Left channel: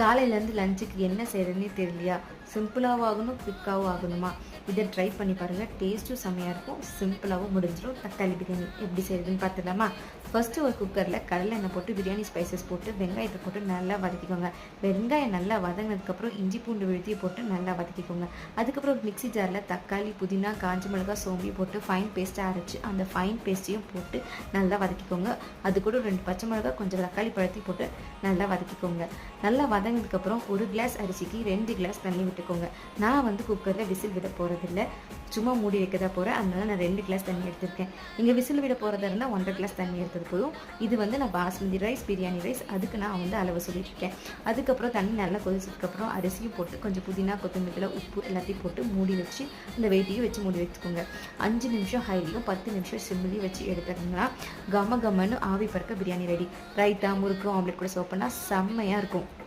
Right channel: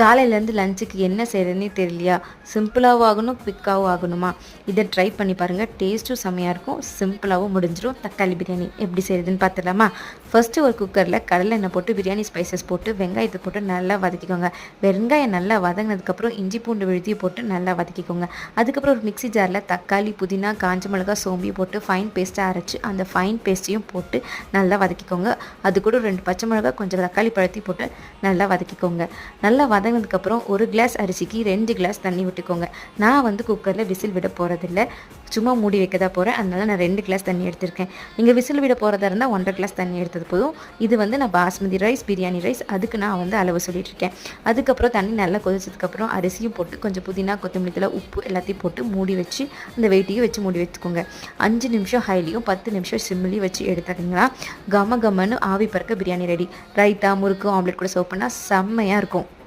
காலையிலேருந்து லஞ்சுக்கு என்ன செய்கிறதுனே தெரியலையா? சிம்பிளாகவும் ஆகணும், குயிக்காகவும் ஆகணுமா? இதை ட்ரை பண்ணி பாருங்கள். டேஸ்ட்டும் செம்மையாக இருக்கும், சிம்பிளாகவும் முடிஞ்சிடும். தக்காளி பிரியாணி எப்படி செய்கிறதுன்னு பார்த்துடலாமா? ஃபஸ்ட்டு ஒரு குக்கரில் கடலை எண்ணெய் போட்டு பிரியாணி ஸ்பைசஸ் போட்டு வெங்காயத்தை போட்டு நல்லா வதக்கிக்கோங்க. வெங்காயம் நல்லா வதங்கினதுக்கப்புறம் இஞ்சி பூண்டு விழுதியை போட்டு நல்லா வதக்கிக்கோங்க. அதுக்கப்புறம் ஒரு மிக்ஸி ஜாரில் தக்காளி, புதினா, காஞ்ச மிளகாய், சோம்பி போட்டு ஃபைன் பேஸ்ட்டாக அரைச்சி அந்த ஃபைன் பேஸ்ட்டையும் போட்டு நல்லா வதக்கிக்கோங்க. அது கூட 2 பச்சை மிளகாய், கொஞ்சம் தக்காளி பழத்தையும் போட்டு நல்லா வதக்கிக்கோங்க. நல்லா வதங்கினதுக்கப்புறம் ஒரு கிளாஸ் அரிசிக்கு 2 கிளாஸ் தண்ணி விட்டுக்கோங்க. நான் வந்து குக்கரில் விசில் விட போகிறதில்ல, சும்மா மூடி வைக்க தான் போகிறேன். அதனால் நான் 2 கிளாஸ் தண்ணி எடுத்திருக்கேன். நீங்கள் விசில் விட போகிறதா இருந்தால் 1.5 கிளாஸ் தண்ணி எடுத்தது போதும். இது வந்து நான் பாஸ்மதி ரைஸ், பிரியாணி ரைஸ், அதுக்கு நான் வந்து அளவு சொல்லிட்டுருக்கேன். அதுக்கப்புறம் தண்ணி நல்லா கொதிச்சதுக்கப்புறம் அரிசியும் போட்டு கொஞ்சம் புதினா, கொத்தமல்லி தழை, உப்பு எல்லாத்தையும் போட்டு மூடி வச்சு அந்த வெயிட்டையும் வச்சு மூடி வச்சுக்கோங்க. 5 நிமிஷம் ஹைலையும் 10 நிமிஷம் சிம்மிலையும் வச்சு எடுத்துக்கிங்கன்னா கம கமன்னு ஆவி பறக்க பிரியாணி ரெடி. ரைத்தா, முறுக்கு, ஆம்லெட் கூட சர்வ் பண்ணால் செம்மையாக இருக்கும்.